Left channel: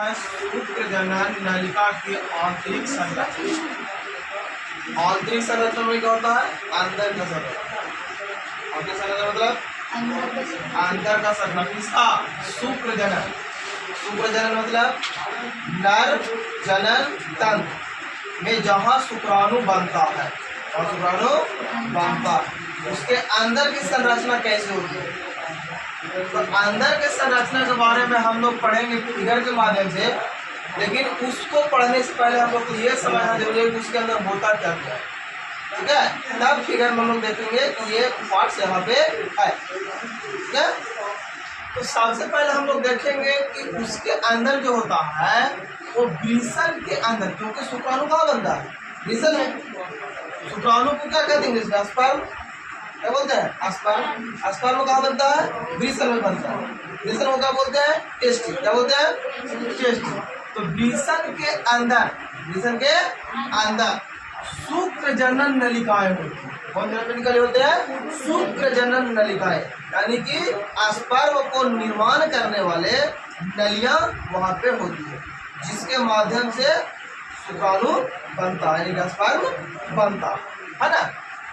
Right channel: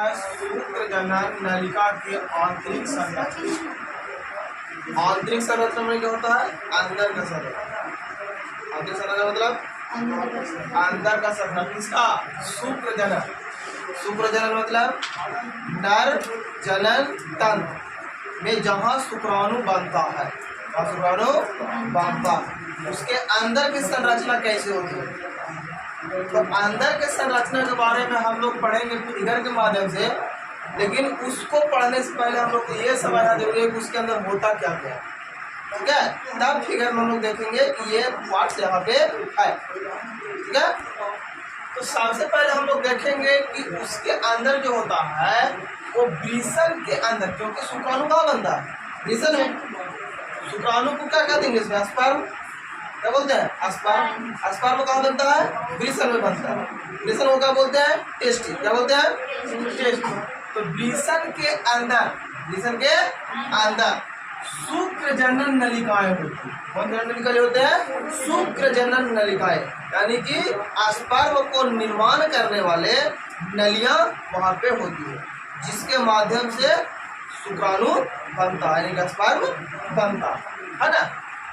शुक्र जनन नलिका की आंतरिक संरचना। आंतरिक संरचना में क्या होता है? अंदर का संरचना। आंतरिक संरचना मतलब अंदर का संरचना। किसका? शुक्र जनन। शुक्र जनन मतलब नर जनन तंत्र में जहाँ शुक्राणु बनता है और शुक्राणु बनता है उसके अंदर की संरचना कैसे होती है। तो अंदर के संरचना के बारे में हम लोग पढ़ेंगे फिगर के माध्यम से, लेकिन उसको पढ़ने से पहले हम लोग को ये समझना जरूरी है कि उसके अंदर होता क्या क्या है। ठीक है, तब फिगर में हम लोग देखेंगे कि ये पार्ट्स यहाँ पे है। ठीक है, तो सबसे पहले हम लोग देखेंगे कि उसके अंदर जो होता है वो वृषण के अंदर, क्योंकि शुक्राणु कहाँ बनता है? वृषण में। शुक्राणु को क्या कहते हैं? इसमें स्पर्म क्या बोलते हैं? स्पर्म। स्पर्म कहाँ बनता है? वृषण में बनता है। वृषण को क्या बोलते हैं? टेस्टी। क्या बोलते हैं? टेस्टी। तो वृषण के अंदर, वृषण के अंदर शुक्र जनन नलिकाएं होती हैं। कौन जनन नलिकाएं होते हैं? शुक्र जनन नलिकाएं, यानी कि स्पर्म को निर्माण करने वाले नलियां वहां पे होती है, जिसके माध्यम से शुक्राणु बनता है, यानी कि स्पर्म बनता है ना।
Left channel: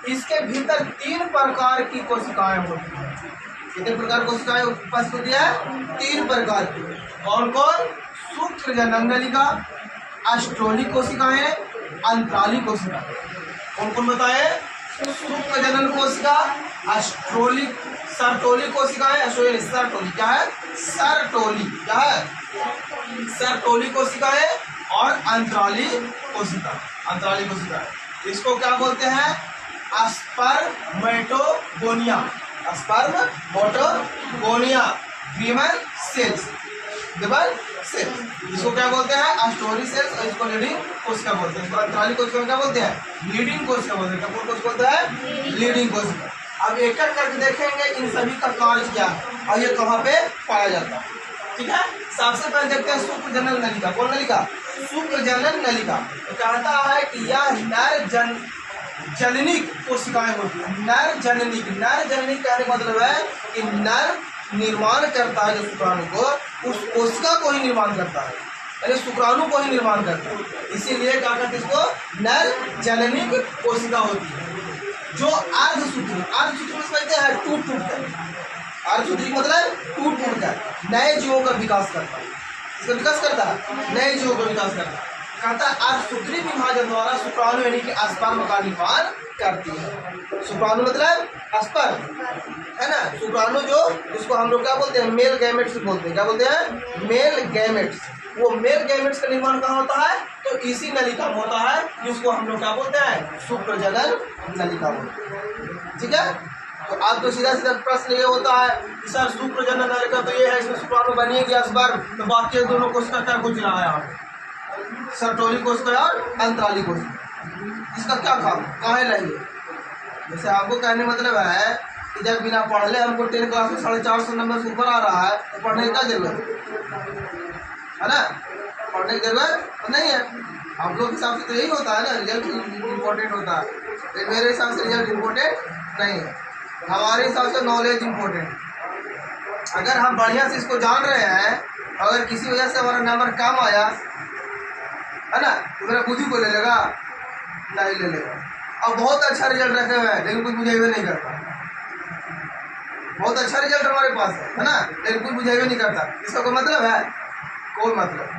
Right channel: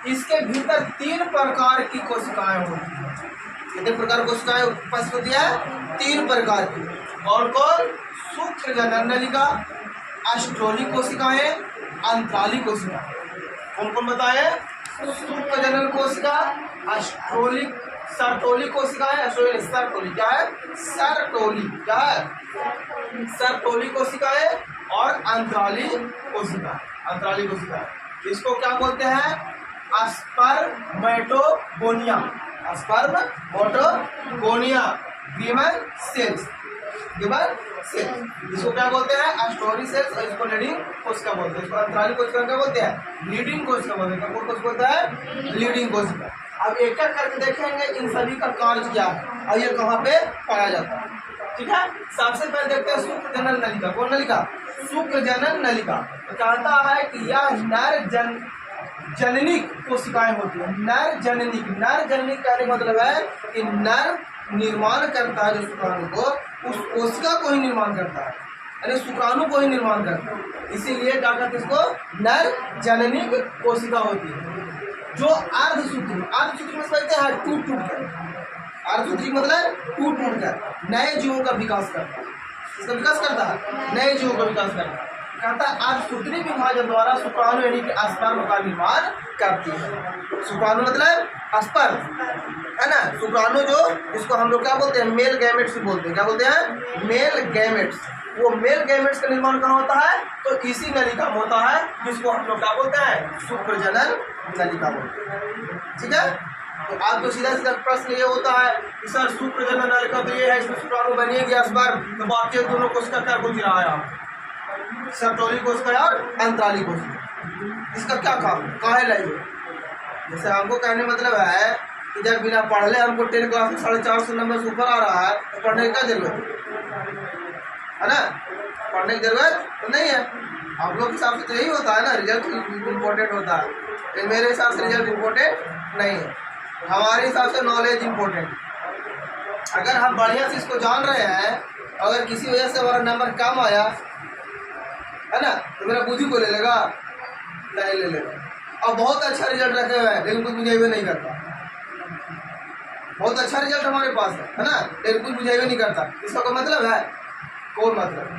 इसके भीतर 3 प्रकार की कोशिकाएं होती हैं। कितने प्रकार कोशिकाएं उपस्थित होती है? 3 प्रकार की। कौन कौन? शुक्र जनन नलिका, अस्ट्रोलिक कोशिकाएं, अंतराली कोशिकाएं। कौन कौन बताए? शुक्र जनन कोशिका, अस्ट्रोलिक, सर्टोली कोशिकाएं। सर्टोली क्या है? सर्टोली क्या है? सर्टोली कोशिकाएं और अंतराली कोशिका। अंतराली कोशिकाएं इसको क्या बोलते हैं? Spermatogonia. Spermatogonia, given cells. Given cells इसको क्या बोलते हैं? अस्टोरी सेल्स। और इसको लीडिंग कोशिका बोलते हैं। इसको अंतराली कोशिका क्या बोलते हैं? लीडिंग कोशिका बोलते हैं। कौन कोशिका बोलता है? लीडिंग कोशिका। अब एक एक करके देखेंगे इन सभी का कार्य क्या है और ये कहाँ पे पाया जाता है। ठीक है, सबसे पहले देखते हैं शुक्र जनन नलिका। कौन नलिका? शुक्र जनन नलिका। तो कहता है कि यह नर जननिक कोशिकाएं होती है। नर जननिक। नर जननिक कहने का मतलब है कि नर निर्माण करता है जो शुक्राणु को, उस कोशिका को ही निर्माण करता है, यानी शुक्राणु को ही निर्माण करता है। इसीलिए क्या कहते हैं इसको? नर जननिक कोशिका होती है। जो अर्धसूत्री, अर्धसूत्री में समझते हैं टूट कर, अर्धसूत्री मतलब टूट कर नए जीवों का विकास करता है। इसका विकास करता है, नए जीवों का विकास करता है। कहता है अर्धसूत्री विभाजन द्वारा शुक्राणु यानी कि स्पर्म का निर्माण करती है। शुक्राणु मतलब स्पर्म है ना। शुक्राणु जो इसको हम लोग क्या बोलते हैं? मेल गैमेट्स बोलते हैं। क्या बोलते हैं? Male gametes. वो मेल गैमेट्स का निर्माण कहाँ होता है? तो इसी नलिका में होता है, जिसको हम लोग क्या बोलते हैं? शुक्र जनन नलिका बोलते हैं। ठीक है, तो आप तो सीधा सीधा प्रश्न ये होता है कि सर शुक्र जनन नलिका तो ये है, इसमें शुक्राणु बनिए गया स्पर्म, तो बाकी दोनों कोशिका क्या कुछ रहा है आप? सर्टोली कोशिका और अंतराली कोशिका। इसका क्या काम काहे लगे? जैसे हमको कहने मतलब है कि जब बिना पढ़ले हमको 10 क्लास में 450 नंबर से ऊपर आ रहा है तो पढ़ने की क्या जरूरत है ना? पढ़ने की जरूरत तो नहीं है। हम लोग के हिसाब से तो यही होता है ना, रिजल्ट इम्पोर्टेंट होता है। लेकिन मेरे हिसाब से रिजल्ट इम्पोर्टेंट नहीं है। हमारे हिसाब से नॉलेज इम्पोर्टेंट। अगर हम बढ़िया से इसको जान रहे हैं, अगर किसी वजह से हमारा नंबर कम आया है ना, तो मेरा बुद्धि को ले लेगा? नहीं ले लेगा। और बहुत अच्छा रिजल्ट रखे हुए हैं लेकिन कुछ बुझेबे नहीं करता। बहुत अच्छा रिजल्ट हमारे पास है ना, लेकिन कुछ बुझेबे नहीं करता। इसका कोई मतलब है? कोई मतलब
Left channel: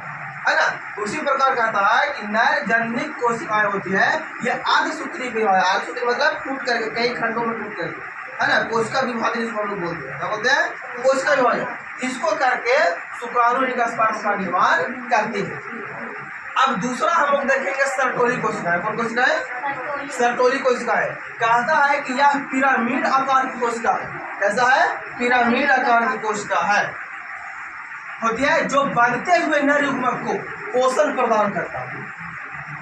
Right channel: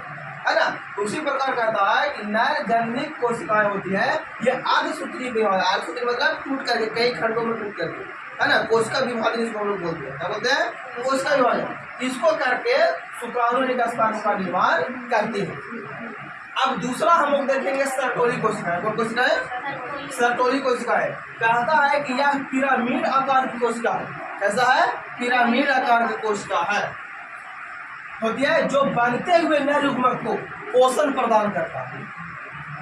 है ना। उसी प्रकार कहता है कि नर जननिक कोशिकाएं होती है, ये अर्धसूत्री विभाजन। अर्धसूत्री मतलब टूट करके, कई खंडों में टूट करके, है ना। कोशिका विभाजन इसको हम लोग बोलते हैं। क्या बोलते हैं? कोशिका विभाजन। इसको करके शुक्राणु स्पर्म का निर्माण करती है। अब दूसरा हम लोग देखेंगे सर्टोली कोशिकाएं। कौन कोशिकाएं? सर्टोली कोशिकाएं। कहता है कि यह पिरामिड आकार की कोशिका है। कैसा है? पिरामिड आकार की कोशिका है, होती है, जो बनते हुए नर युग्मक को पोषण प्रदान करता है।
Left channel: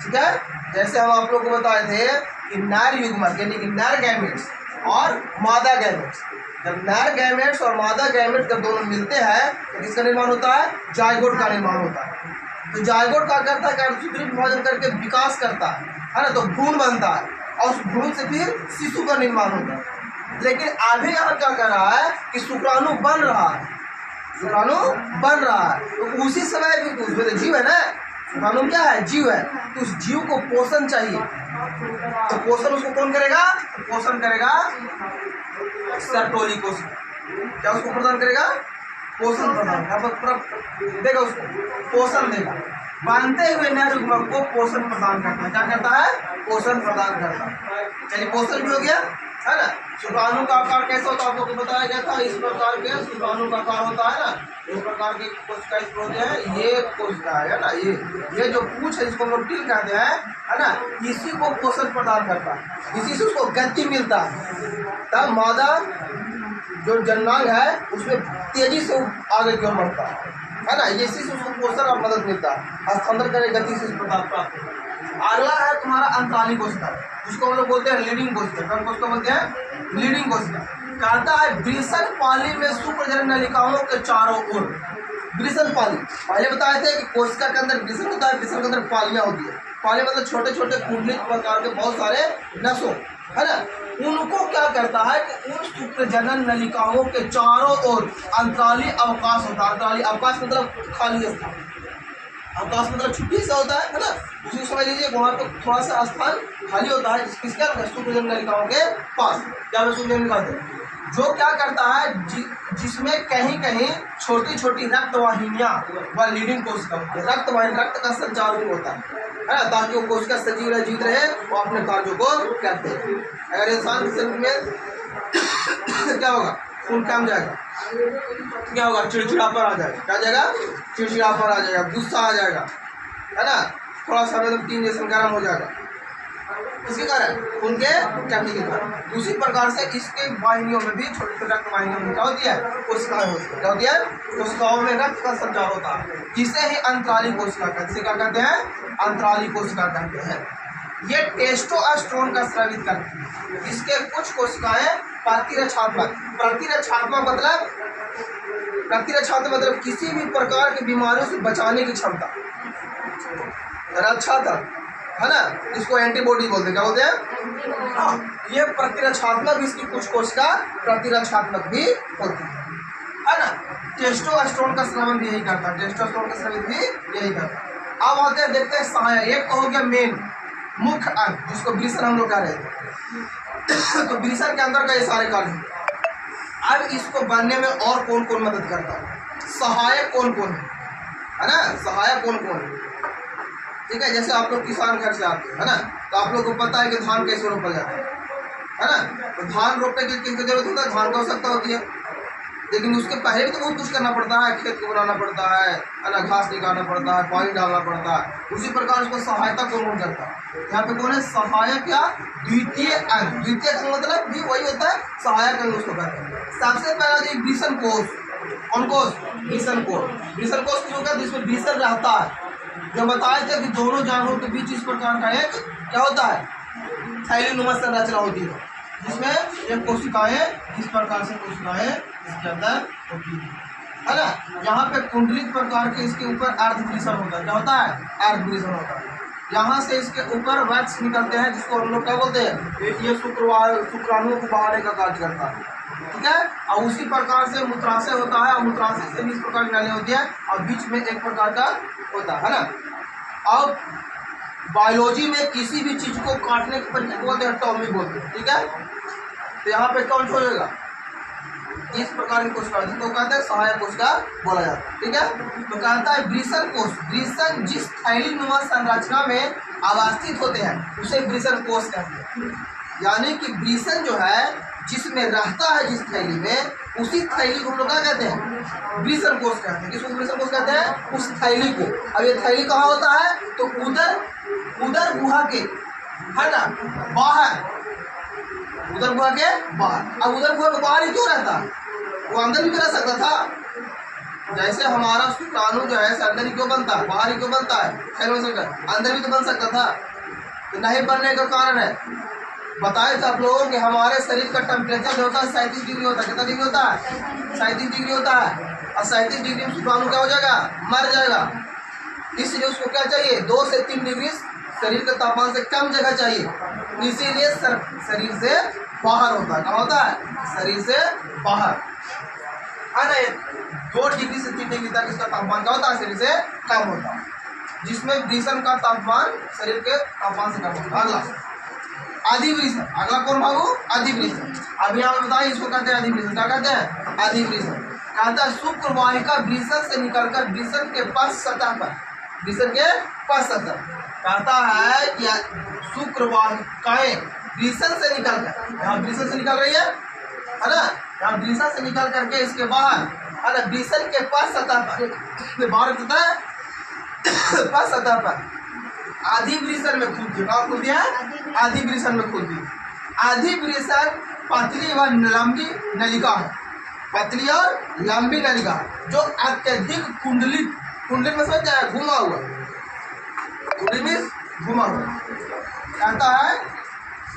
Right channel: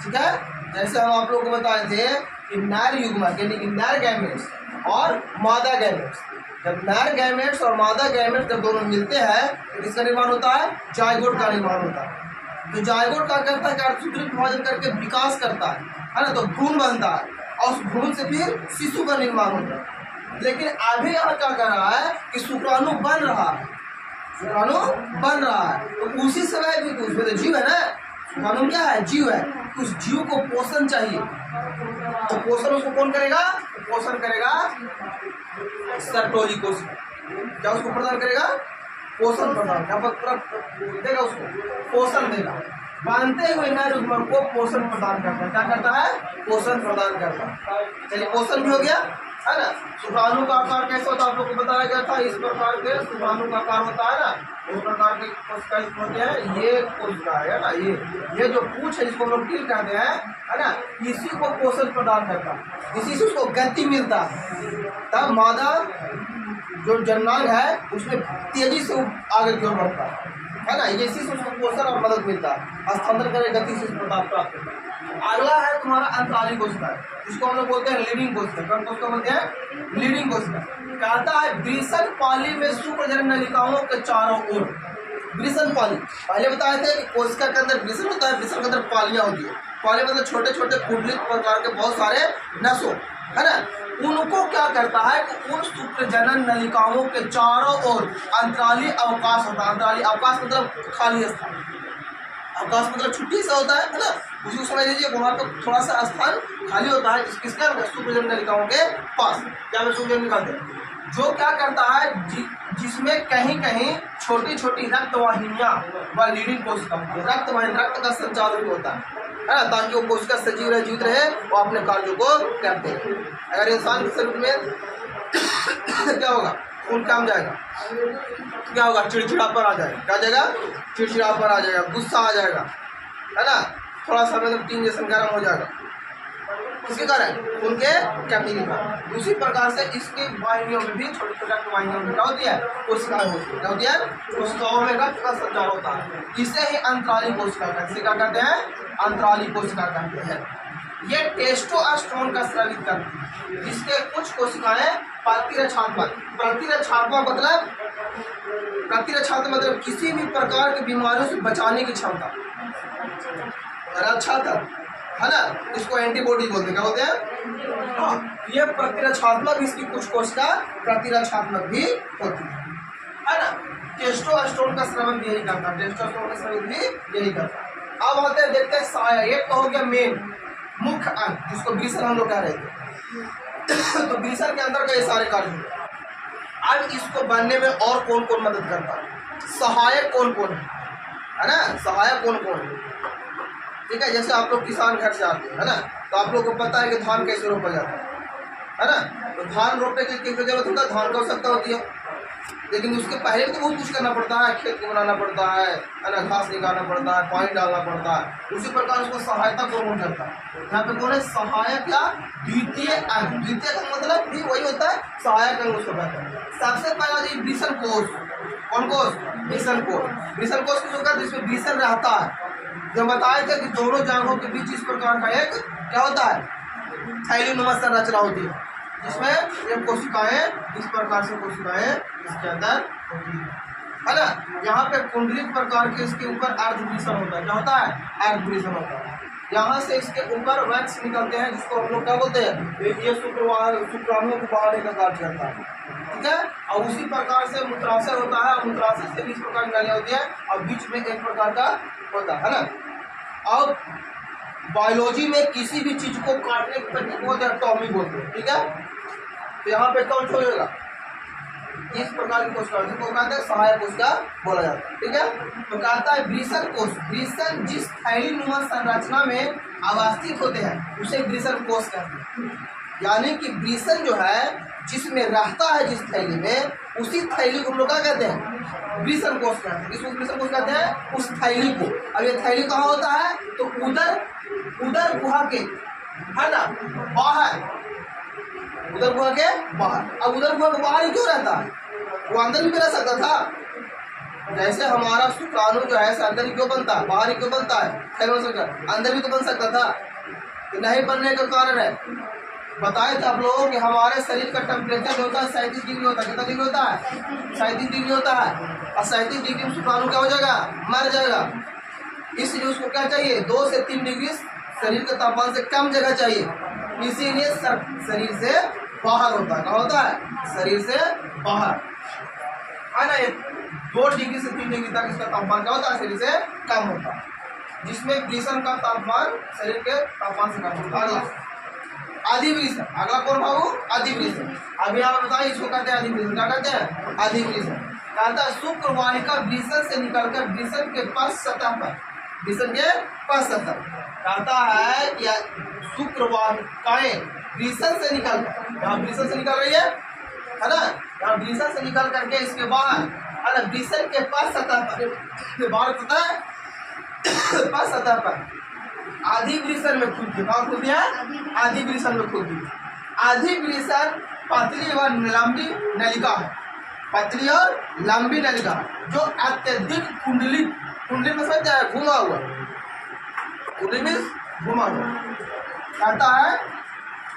ठीक है, जैसे हम आप लोग को बताए थे कि नर युग्मक यानी कि नर गैमेट्स और मादा गैमेट्स, जब नर गैमेट्स और मादा गैमेट्स जब दोनों मिलते हैं तो किसका निर्माण होता है? जायगोट का निर्माण होता है। तो जायगोट क्या करता है? अर्धसूत्री विभाजन करके विकास करता है ना, तो भ्रूण बनता है और उस भ्रूण से फिर शिशु का निर्माण होता है। लेकिन अभी यहाँ क्या कर रहा है कि शुक्राणु बन रहा है, शुक्राणु बन रहा है। तो उसी समय भी उसमें तो जीव है ना, शुक्राणु क्या है, जीव है। तो उस जीव को पोषण चाहिए, तो पोषण उसको कौन करेगा, पोषण करेगा सर्टोली कोशिका। क्या उसको प्रदान करेगा, पोषण प्रदान, पूरा देगा उसको, पोषण देगा। बांधते हुए नर युग्मक को पोषण प्रदान करता है। क्या करता है, पोषण प्रदान करता है। चलिए पोषण भी हो गया है ना। शुक्राणु का आकार कैसा होता है आप लोग को बताया गया था, इस प्रकार के शुक्राणु का आकार होता है ना, इस प्रकार के कोशिका इसमें होते हैं। ये कोशिका है ना, ये जो पूंछ है इसको हम लोग टिल कहते हैं है ना, इसी को पोषण प्रदान करता है, इसी से उसको गति मिलता है। तब मादा जो जननांग है उसमें तेजी से आगे की ओर बढ़ता है ना, इसी से उसको पोषण और मदद मिलता है, स्थानांतरण करे गति से प्रदान प्राप्त होता है। अगला है तुम्हारा अंतराली कोशिका, जिसको हम लोग बोलते हैं लीडिंग कोशिका। कौन कोशिका बोलते हैं, लीडिंग कोशिका। कहता है वृषण पाली में शुक्रजनन नलिकाओं के चारों ओर, वृषण पाली पहले बताए थे कि कोशिका के अंदर वृषण होता है, वृषण के अंदर पालियां होती है। पाली मतलब छोटे छोटे कुंडलित प्रकार के बहुत सारे नसों है ना, उनको क्या करता है कि उन शुक्रजनन नलिकाओं के चारों ओर अंतराली अवकाश होता है। अंतराली अवकाश मतलब खाली स्थान, अवकाश मतलब छुट्टी से होता है ना, उसी को समझ लीजिए। वहाँ पे थोड़ा सा स्थान खाली होता है किसका, शुक्रजनन नलिकाओं के पास। क्या शुक्रजनन नलिका जो क्या करता है, जिसमें कहीं कहीं छोटी छोटी रक्त वाहिनियाँ व लीडिंग कोशिका, रक्त वाहिनी, रक्त का संचार भी होता है ना, ताकि वो कोशिका सजीव रहे, जीवित रहे, वो अपने कार्यों को करते हैं। अगर इंसान के शरीर में क्या होगा, खून कम जाएगा, क्या होगा, चिड़चिड़ापन आ जाएगा। क्या जाएगा, चिड़चिड़ापन आ जाएगा, गुस्सा आ जाएगा है ना, थोड़ा सा मतलब टीन जैसा गर्म हो जाएगा, इसके कारण खून के कमी के कारण। उसी प्रकार से इसके वाहिनियों में भी, छोटे छोटे रक्त वाहिनियों में क्या होती है, कोशिकाएं होती है। क्या होती है, कोशिकाओं में रक्त का संचार होता है, इसे ही अंतराली कोशिका कहते हैं। क्या कहते हैं, अंतराली कोशिका कहते हैं। ये टेस्टोस्टेरोन का स्रावित करती है। इसके कुछ कोशिकाएं प्रतिरक्षात्मक, प्रतिरक्षात्मक मतलब किसी भी प्रकार की बीमारियों से बचाने की क्षमता, रक्षा तंत्र है ना, इसको एंटीबॉडी बोलते हैं। क्या बोलते हैं, हाँ, ये प्रतिरक्षात्मक, इसकी कुछ कोशिका प्रतिरक्षात्मक भी होती है ना। टेस्टोस्टेरोन का स्रावन भी यही करता है, टेस्टोस्टेरोन का स्रावन भी यही करता है। अब आते हैं, देखते हैं सहायक। एक तो हो गया मेन मुख्य अंग, जिसको वृषण हम लोग कह रहे थे। तो वृषण के अंदर का ये सारे कार्य होते हैं। अब इसको बनने में और कौन कौन मदद करता है, सहायक कौन कौन है ना, सहायक कौन कौन है, ठीक है। जैसे आप लोग किसान घर से आते हैं है ना, तो आप लोग को पता है कि धान कैसे रोपा जाता है ना। तो धान रोपने की किसकी जरूरत होता है, धान की आवश्यकता होती है, लेकिन उसके पहले भी तो बहुत कुछ करना पड़ता है, खेत को बनाना पड़ता है ना, घास निकालना पड़ता है, पानी डालना पड़ता है। उसी प्रकार उसको सहायता कौन करता है, यहाँ पे कौन है, सहायक या द्वितीय अंग। द्वितीय अंग मतलब भी वही होता है, सहायक अंग उसको कहते हैं। सबसे पहला जो वृषण कोष, कौन कोष, वृषण कोष। वृषण कोष किस होता है, जिसमें वृषण रहता है। जो बताए थे कि दोनों जांघों के बीच इस प्रकार का एक क्या होता है, थैलीनुमा संरचना होती है, जिसमें एक कोशिकाएं, इस प्रकार से कोशिकाएं इसके अंदर होती है ना। यहाँ पे कुंडलित प्रकार के इसके ऊपर अर्धवृषण होता है। क्या होता है, अर्धवृषण होता है। यहाँ से इसके ऊपर वैक्स निकलते हैं, जिसको हम लोग क्या बोलते हैं, ये शुक्राणुओं को बहाने का कार्य करता है, ठीक है। और उसी प्रकार से मूत्राशय होता है, और मूत्राशय से भी इस प्रकार की नालियाँ होती है, और बीच में एक प्रकार का होता है ना। और बायोलॉजी में किसी भी चीज को काटने की प्रक्रिया बोलते हैं, टॉमी बोलते हैं, ठीक है। तो यहाँ पे कौन छोड़ेगा, इस प्रकार की कोशिका, जिसको कहते हैं सहायक कोशिका बोला जाता है, ठीक है। तो कहता है वृषण कोष, वृषण जिस थैलीनुमा संरचना में अवस्थित होते हैं उसे वृषण कोष कहते हैं। यानी कि वृषण जो है जिसमें रहता है, जिस थैली में, उसी थैली को हम लोग क्या कहते हैं, वृषण कोष कहते हैं। किसको वृषण कोष कहते हैं, उस थैली को। अब ये थैली कहाँ होता है, तो उदर गुहा के है ना बाहर, उदर गुहा के बाहर। अब उदर गुहा के बाहर ही क्यों रहता है, वो अंदर भी रह सकता था। जैसे हमारा शुक्राणु जो है अंदर ही क्यों बनता है, बाहर ही क्यों बनता है, अंदर भी तो बन सकता था। तो नहीं बनने का कारण है, बताए थे आप लोगों कि हमारे शरीर का टेम्परेचर होता है 37 डिग्री होता है। कितना डिग्री होता है, 37 डिग्री होता है। और 37 डिग्री में शुक्राणु क्या हो जाएगा, मर जाएगा। इसलिए उसको क्या चाहिए, 2 से 3 डिग्री शरीर के तापमान से कम जगह चाहिए, इसीलिए शरीर से बाहर होता है। क्या होता है, शरीर से बाहर है ना। 2 डिग्री से 3 डिग्री तक इसका तापमान क्या होता है, शरीर से कम होता है, जिसमें वृषण का तापमान शरीर के तापमान से कम होता है। अगला अधिवृषण, अगला कौन बाबू, अधिवृषण। अभी आप बताइए इसको कहते हैं अधिवृषण, क्या कहते हैं, अधिवृषण। कहता है शुक्र वाहिका वृषण से निकलकर वृषण के पश्च सतह पर, वृषण के पश्च सतह, कहता है कि शुक्र वाहिकाएं वृषण से निकलकर, यहाँ वृषण से निकल रही है ना, यहाँ वृषण से निकल करके इसके बाहर है ना वृषण के पश्च सतह पर, बाहर होता है पश्च सतह पर अधिवृषण में खुलती है, और खुलती है अधिवृषण में खुलती है। अधिवृषण पतली व लंबी नलिका है, पतली और लंबी नलिका जो अत्यधिक कुंडलित, कुंडलित में समझते हैं घुमा हुआ, कुंडली में घुमा हुआ, कहता है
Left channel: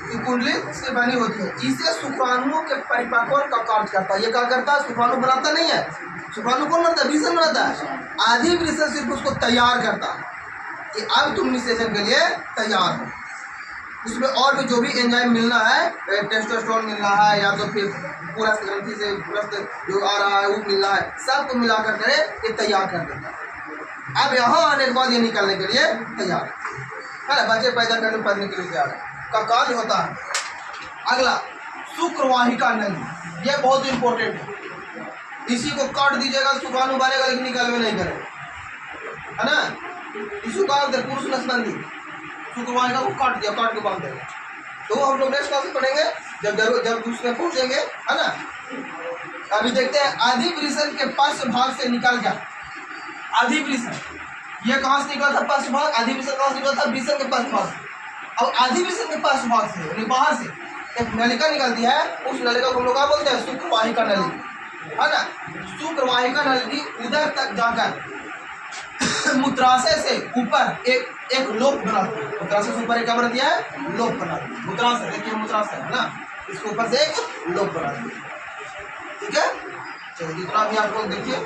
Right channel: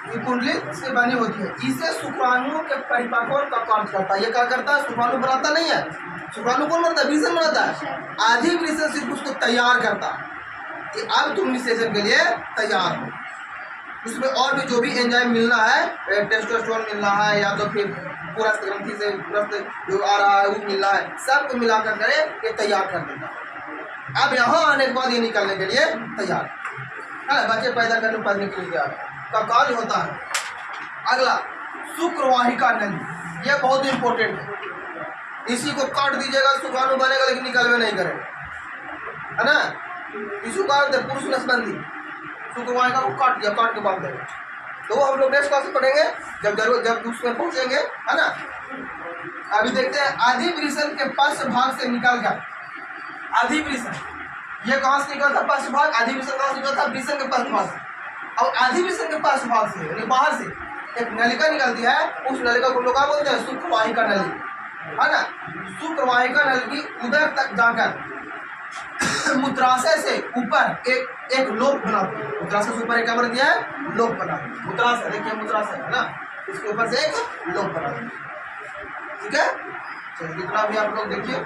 कि कुंडली से बनी होती है। इसे शुक्राणुओं के परिपक्वन का कार्य करता है। ये क्या करता है, शुक्राणु बनाता नहीं है, शुक्राणु कौन बनाता है, वृषण बनाता है। अधिवृषण सिर्फ उसको तैयार करता है कि अब तुम निषेचन के लिए तैयार हो। उसमें और भी जो भी एंजाइम मिलना है, टेस्टोस्टेरोन मिलना है या तो फिर पूरा ग्रंथि से रक्त जो आ रहा है वो मिलना है, सबको मिलाकर करे ये तैयार कर देता है। अब यहाँ आने के बाद ये निकलने के लिए तैयार है, बच्चे पैदा करने पढ़ने के लिए तैयार है का कार्य होता है। अगला शुक्रवाहिका नली, ये बहुत इंपॉर्टेंट है, इसी को काट दीजिएगा शुक्राणु बनेगा लेकिन निकलवे नहीं करेगा, है ना। इसको क्या बोलते हैं, पुरुष नसबंदी। शुक्रवाहिका को काट दिया, काट के बांध देगा, तो हम लोग नेक्स्ट क्लास में पढ़ेंगे जब उसमें पहुंचेंगे, है ना। अभी देखते हैं अधिवृषण के पश्च भाग से निकलकर, अधिवृषण ये कहाँ से निकला था, पश्च भाग, अधिवृषण कहाँ से निकला था, वृषण के पश्च भाग से। अब अधिवृषण के पश्च भाग से यानी बाहर से एक नलिका निकलती है, उस नलिका को हम लोग क्या बोलते हैं, शुक्रवाहिका नली, है ना। शुक्रवाहिका नली उधर तक जाकर मूत्राशय से ऊपर एक लोक बनाती है, मूत्राशय से ऊपर एक क्या बनाती है, लोक बनाती है। मूत्राशय देखिए, मूत्राशय है ना, इसके ऊपर से एक लोक बनाती है, ठीक है। चलिए जितना भी आप लोग देखिए।